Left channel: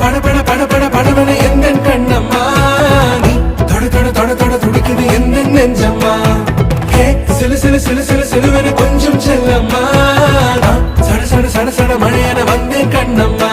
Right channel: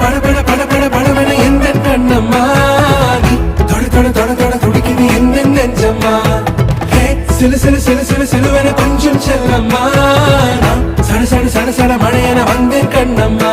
படபட படபட படபட எந்த கண்ணம்மா நீ தொட தொட தொட தொட துடிக்குது எந்த நெஞ்சம்மா சிலு சிலு சிலு சிலு சிலுவென கொஞ்சம் செல்லம்மா சட சட சட சட மழையென வந்தேன் கண்ணம்மா